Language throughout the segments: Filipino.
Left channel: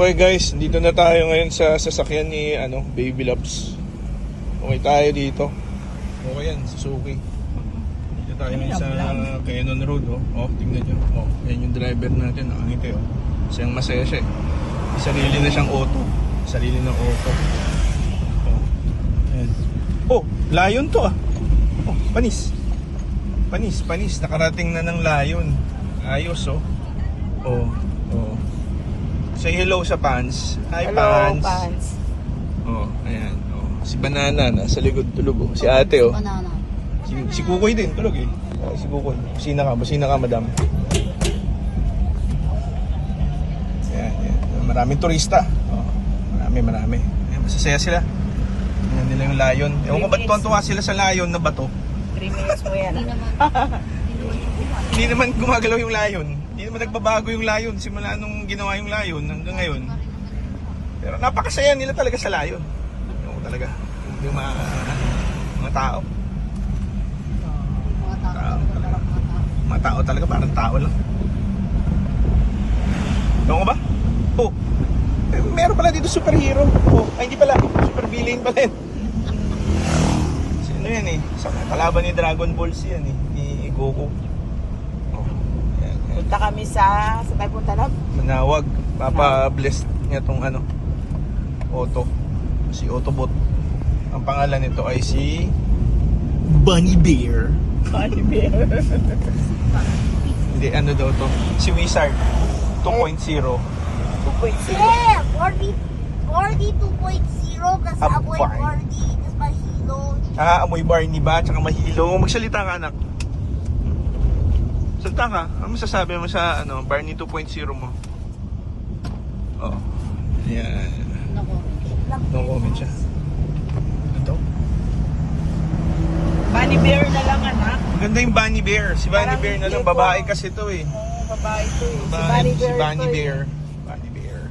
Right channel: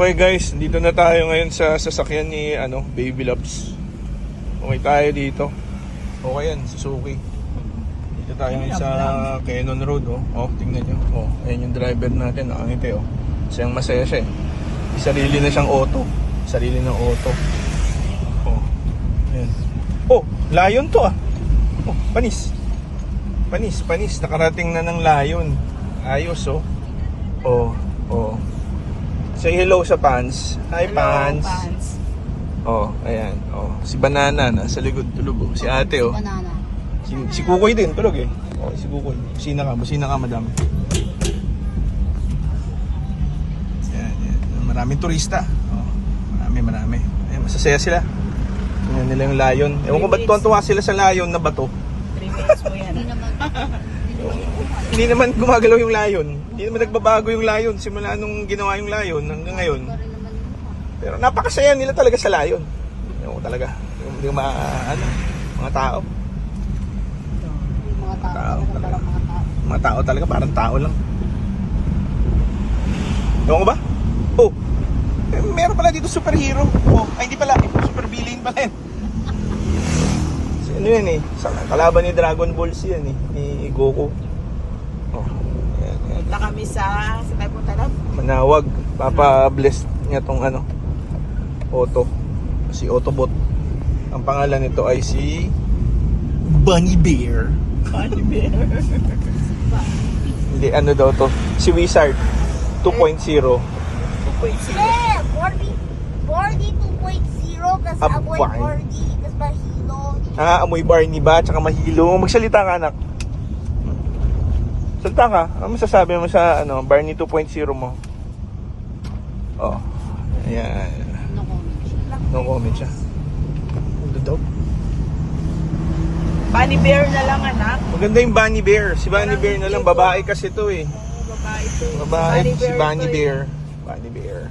Okay guys, dito na tayo ngayon sa sasakyan ni Baby Loves. Okay tayo dito. Okay yan, Suzuki. Dito tayo ngayon sa Cannon Road. Oh, tingnan nyo. Oh, ayun yung driver natin, nakangiti oh. Siyang masaya siya eh. Sarili na siyang auto. Sarili ng auto. Oh, ayan. Oh, layon to ah. Oh, panis. Panis. Nakarating na ng layon. Ayos oh. Oh. Say hello sa pants. Hi, hello, pants. pants. Oh, ayan. Oh, si Banana nasa likod tulog oh. Si ate oh. Banana. Si Kukoy din tulog eh. Oh, si Kukoy. Busina ka, madam. Ayan. Maraming turista. Oh, marami. Ayan, masasaya sila. Tingnan nila yung layon. Ewan ko ba't tuwa sila sa layon na bato. 3 minutes mo yan. Hindi naman gumagalaw yung layon. Hindi naman nagbabago yung layon simula nung ginawa yung layon hanggang ngayon. Pero napakasaya nila talaga sa layon. Yung talaga. Yung mga tao. Mga tao talaga, parang tao lang. Doon ko ba? Oh, meron pala dito superhero. Oh, ay hindi pala. Super villain pala yun. So, ano yan eh. Kalaban ni Dragon Ball Z yan eh. Ni Goku. Punta kami sa tayo punta na? Manawag. Papa-bless niya tong auto. Si Autobot. Ang pangalan nito ay si Bunny Bear. Bunny Bear. Hindi, ano daw to? Si Wizard 2.0. 2.0. Yeah, 40 2.0 kasi amoy 40 kasi mahilong. Amoy Barney ba? Tsaka mahilo. Magsalita ka anak. Salita ka. Ano masasabi mo sa Barney 2.0 mo? Oh. Ayan. No comment siya. Dito. Bunny Bear na lang anak. Maganda yung Bunny Bear. Si Bunny Parang Bear na lang. yung Babae kasi to eh. Babae to eh. Babae si to Bunny eh. Bear. Bunny Bear.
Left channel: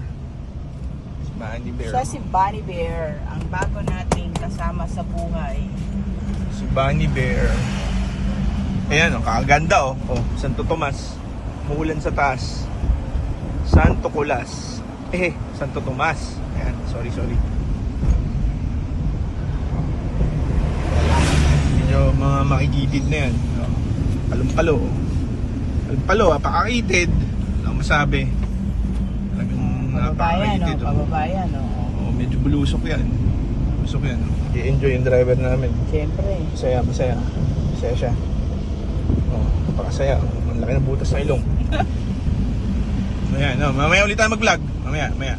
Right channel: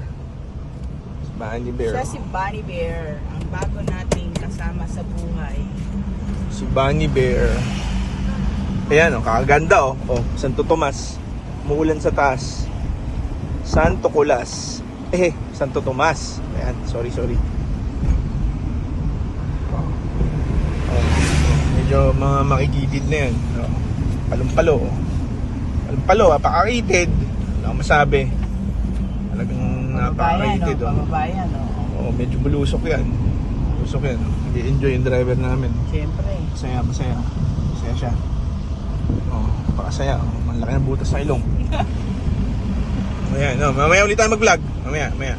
Si Bunny Bear. Siya si Bunny Bear. Ang bago nating kasama sa buhay. Si Bunny Bear. Ayan kakaganda oh. Oh, Santo Tomas. Umuulan sa taas. Santo Colas. Santo Tomas. Ayan, sorry. Medyo mga makigitid na yan. Alumpalo, napaka-rated. Wala akong masabi. Talagang napaka-rated. Pababayan oh. Oh, medyo bulusok yan. I-enjoy yung driver namin. Siyempre. Masaya siya. Oh, napakasaya. Oh, malaki ng butas sa ilong. Ayan, mamaya ulit tayo mag-vlog. Mamaya.